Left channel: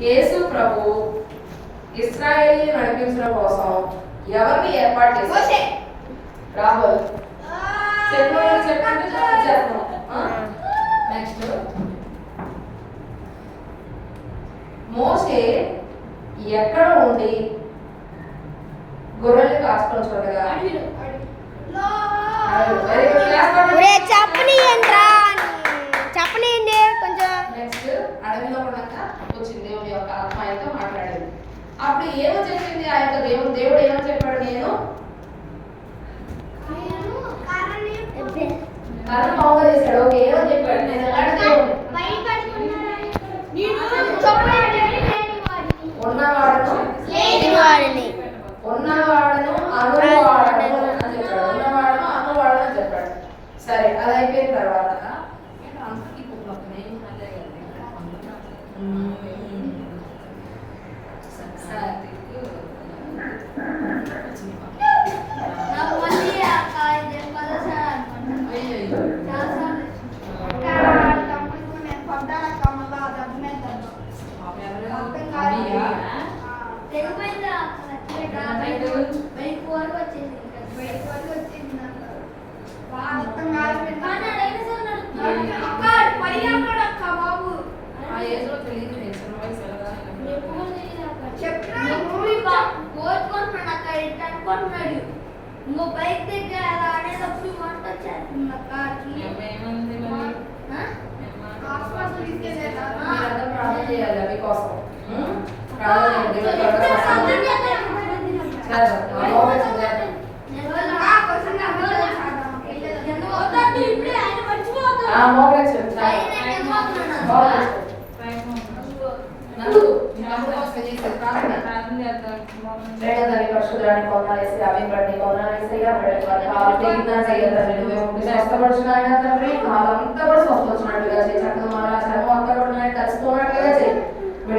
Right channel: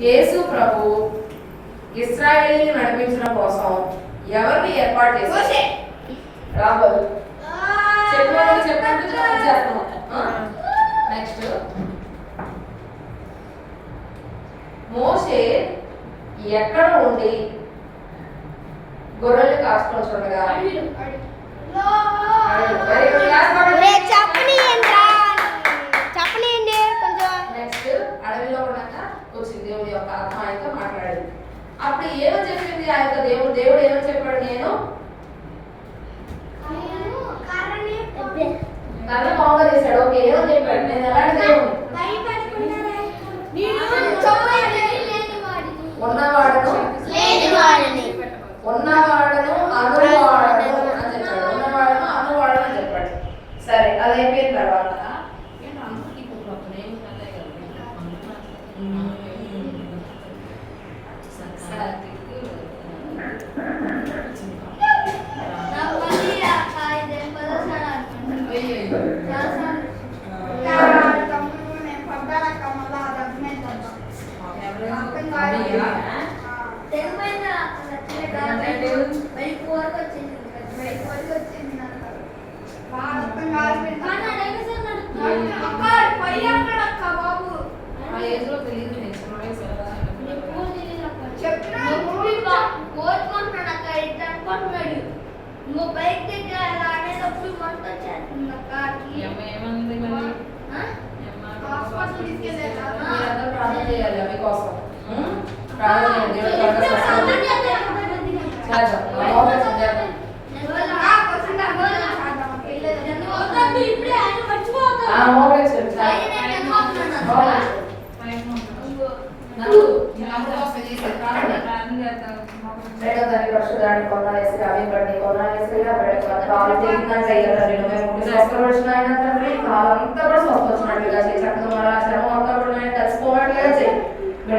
యేసు ప్రభు ఇశ్రాయేలుని నడిపించడం కోసం ఎవరిని ఏర్పాటు చేశారు? రాహుల్ చెప్పండి. నెక్స్ట్, మోషే ఎక్కడ ఉండి గొర్రెలు కాచుకొని చూడగా? చెప్పనియండి కొంచెం. నెక్స్ట్, అడవిలో ఉండగా వచ్చింది దేవుడి యొక్క ఆత్మ ఆయనతో మాట్లాడేది. అప్పుడు ఏమో చెప్పింది ఆ యొక్క దేవుడు ఏమో చెప్పాడు? నేను కర్ర బాగా చేశాడు. ఓకే, ఏమో చెప్పాడు? నేను ఎలాంటి దేవుడు? ఉన్నవాడను అనువాడను అని చెప్పాడు. ఉన్నవాడను అనువాడను అని చెప్పాడు. సరే, అది అయిపోయిన తర్వాత బైక్ దగ్గర ఆడేటప్పుడు మొత్తం వచ్చేస్తుంది. ప్రార్థన చేయాలి అవి కోసం.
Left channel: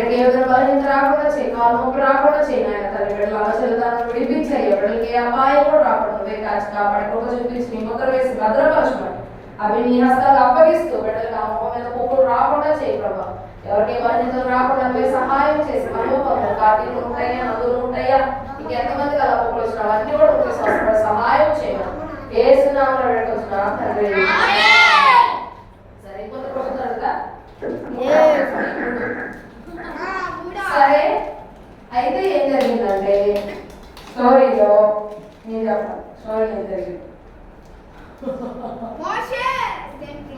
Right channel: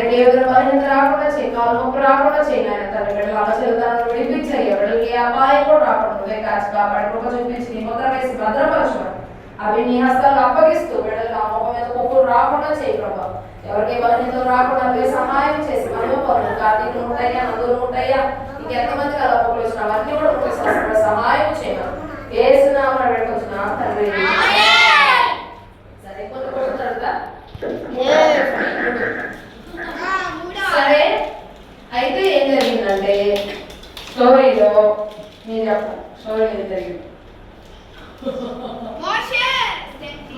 రాకుండా చేయి, కాలు నొప్పి రాకుండా చేయి నాయన తండ్రి. బిడ్డలు అలా చెల్తాను విడిపించాయి. బిడ్డలకి ఏ అపాయం కూడా రాకుండా నువ్వే కాచి కాపాడి కృప చూపించి నీ ముద్ర వేసి భద్రపరచు. అవి నీ హస్తాలు అప్పగిస్తూ బిడ్డలు ఆ మొహం మీద కొప్పులు రాకుండా చేయి ప్రభా. ఎవరికి బలహీనతలు రాకుండా నువ్వే సహాయం చేసి మనోపరులు కార్తీకులు ఉంటాయా, నందులు ఉంటాయా, ఇంకెంతమంది అలా పొక్కులు వచ్చినా అవన్నీ కూడా ఉంటే సహాయం చేయమని ఏసునామమున వేడుకొంచున్నాం తండ్రి. సరే, కొన్ని క్వశ్చన్స్ అడుగుతా. సరే, అయితే ఏం జరిగిందంటే స్టోరీలో నేను చెప్పను. స్టోరీలో ఏం జరిగింది?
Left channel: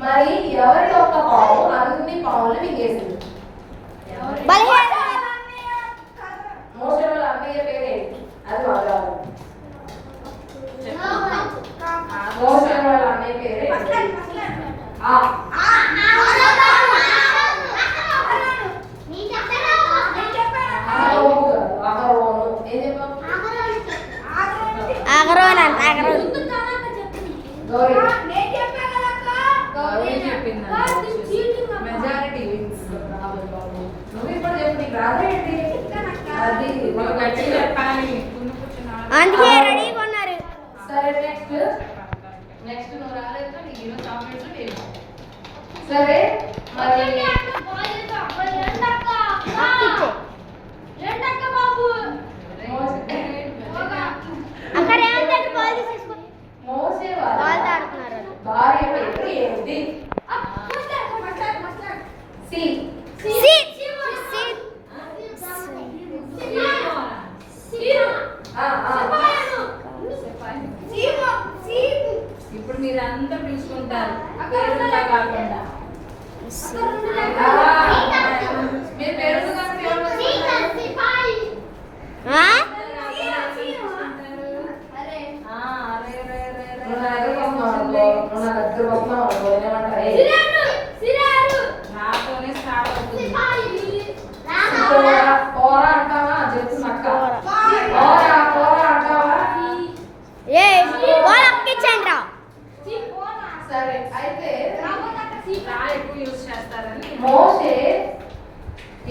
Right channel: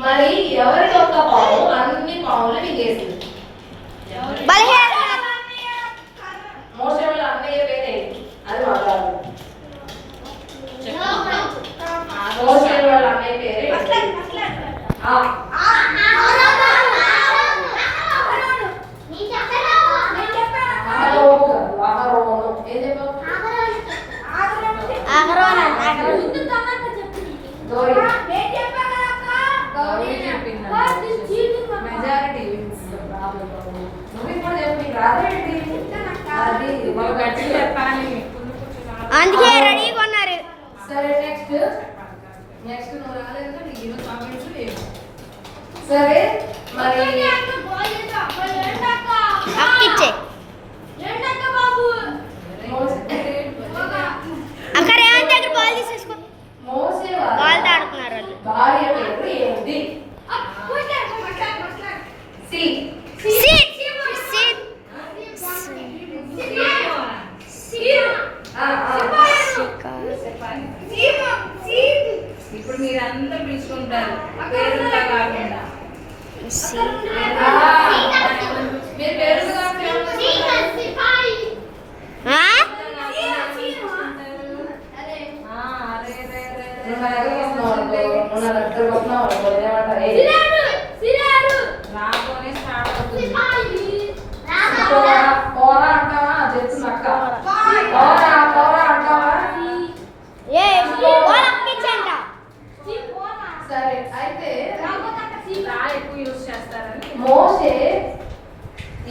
మరి ఎవరి యొక్క పాము అన్ని పాములు మింగేసింది? మోషే వాళ్ళ అన్నయ్య పేరే అది మాట్లాడాలి. మోషే వాళ్ళ అన్నయ్య పేరే అందుకే రెడీగా ఉన్నారు. సరే, నెక్స్ట్ నువ్వు రాలేదు నీకు కామెంట్స్ లేవు. సరే, మరి అక్కిచ్చే అక్కడ ఏమంటే అక్కడ బాల్ తీసేసుకో. బాల్ ఆడుతున్నారు వాళ్ళు. భార్య పేరు ఏంటి? ఇప్పుడు మీరు అందరూ పిలుచుకుంటారు పేరుగా కాకుండా. మీరు పేరుగా అంటావా? చెప్తు నక్క అంటావా? సరే, అయితే మోషే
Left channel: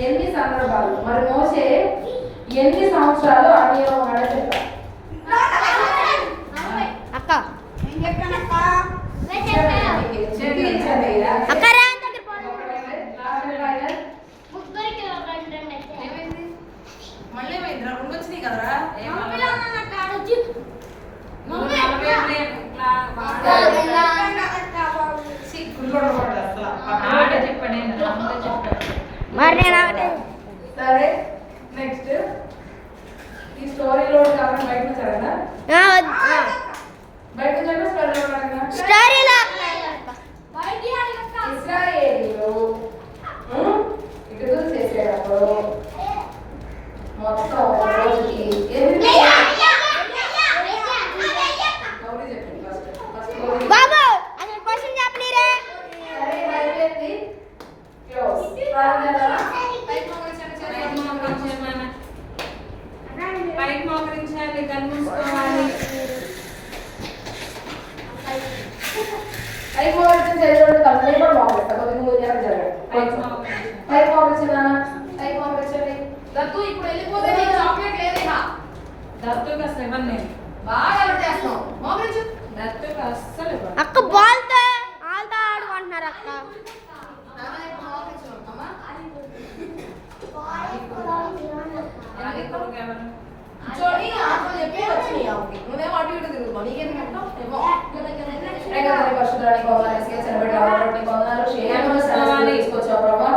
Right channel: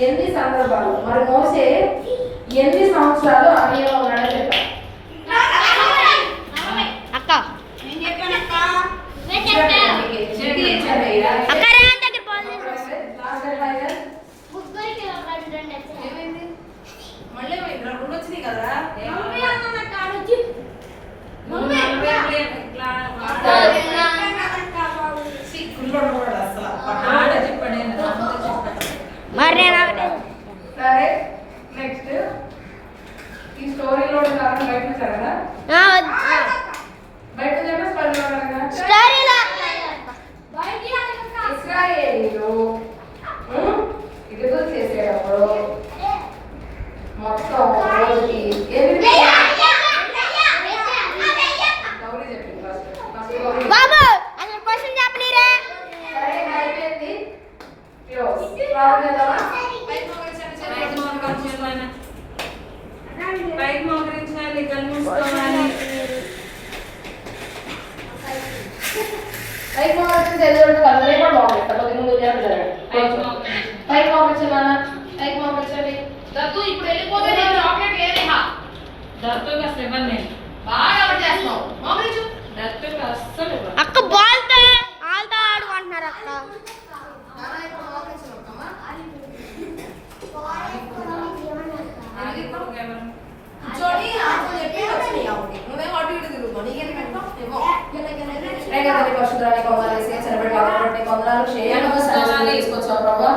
ఎన్ని సందర్భాలు మరి మోషే ఎన్ని సంవత్సరాలు అరణ్యంలో ఉన్నాడని చెప్పారు? అక్క మరి నేను ఒకటే సరే నెక్స్ట్ ఈ స్టోరీలో కారణం బయట చదవనా బయట చదివే స్టోరీలో కదా స్టోరీలో ఇశ్రాయేలీయులు ఇటుకలు చేసేటప్పుడు మొత్తం రోజుకి గౌరీ చెప్పింది ఫస్ట్ బాబు అసలు క్వశ్చన్ చెప్పలేరే సరే అయిపోయింది క్లోజ్ ప్రారంభిద్దామా పైకి మోకరించాలి కళ్ళు మూసుకోవాలి పైకి మోకరించిన చదివేటప్పుడు కళ్ళు లేకుండా మోకరిస్తా కొద్దిగా ముందు చదవండి పైకి మోకరించాలన్నా పైకి మోకరించండి దత్తు ఇప్పుడు వెళ్ళిపోతే నీకు చాక్లెట్ లేదేహా దత్తుకి అసలు ఇవ్వను నేను బాగా ఎవరు చేస్తున్నావు మోకరించు దత్తుకి అస్సలు ఇవ్వను అక్క బాల్తో ఆల్తో ఆడుకుంటున్నారు అక్క నాన్న ఇప్పుడు మోకరించు అమ్మా అది కొడుకు ఎవరు చూడి ఆటలు చెప్పి వచ్చినాయి ఆమెకి నువ్వేమో అటు ఇటు తిరుగుతున్నావు నీకెందుకంటావు ఏమో రేగదని పరిశుద్ధానికి వందనాలు చేసినబడి కాబట్టి వందనాలు క్షేమంగా సన్నిధికి తీసుకొచ్చావు ప్రభా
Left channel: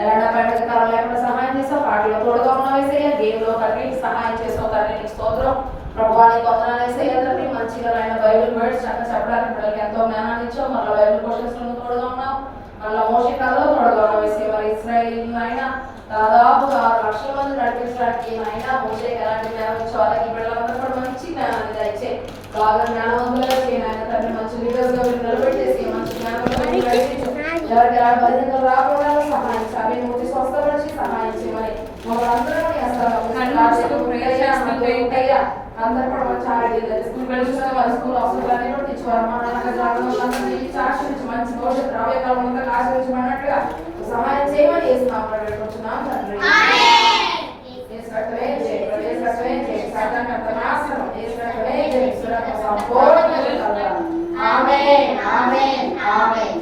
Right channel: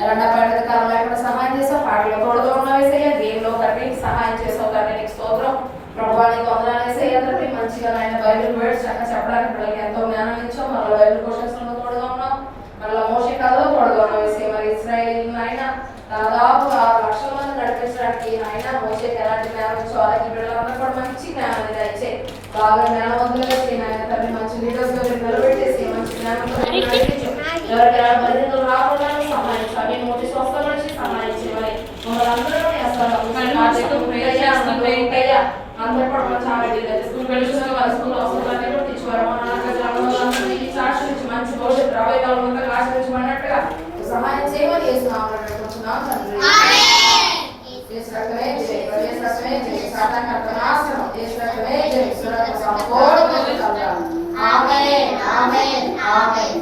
ఎలాంటి అపాయింట్ కాలం లేకుండా సహాయం చేసావు పాటలో తోడుగా ఉన్నావు వేసయ్య గేమ్ లో తండ్రి సహాయం చేసావు తండ్రి నీకు స్తోత్రం ప్రభువానికి వందనాలు వేసయ్య తండ్రి మంచిగా ఆయన బైబిల్ వర్డ్స్ అక్కడ చెప్పడానికి పిల్లలకి ఎంతో జ్ఞానం ఇచ్చావు మళ్ళీ బైబిల్ క్వశ్చన్స్ లో తోడుగా ఉన్నావు మళ్ళీ మోషే కథలో తోడుగా ఉన్నావు వేసయ్య మరి ఇశ్రాయేల్ ఆయన దాదాపు 6 లక్షల మంది నడిపించడానికి ఆయన మోషేకి ఎలాంటి జ్ఞానం ఇచ్చావు అలాగే బిడ్డలందరూ కూడా మంచి జ్ఞానాన్ని దయచే బాగా జ్ఞానవంతులుగా చేయండి ఆయన తండ్రి మంచి లీడర్స్ గా మీరు నిలబెట్టేసి మంచి జ్ఞానంతో మీరు నడిపించు ఎవరికి ఎలాంటి బలహీనతలు రాకుండా సహాయం చేయాలి నోటి స్వస్థల నుంచి సహాయం చేయమని మమ్మల్ని అందరూ అందరూ కూడా మంచి ఆరోగ్యం స్కూల్ వెళ్ళిన వాళ్ళ స్కూల్ అవసరాలన్నీ కూడా తెచ్చుకోవాలి మన సాక్షి నుంచి మంచి భవిష్యత్తు రాబోయే కాలం అంతా ఆశ్రయించమన్నట్టుగా సహాయం చేయమని చేస్తున్నాం తండ్రి ఆమేన్ ఆమేన్ ఆమేన్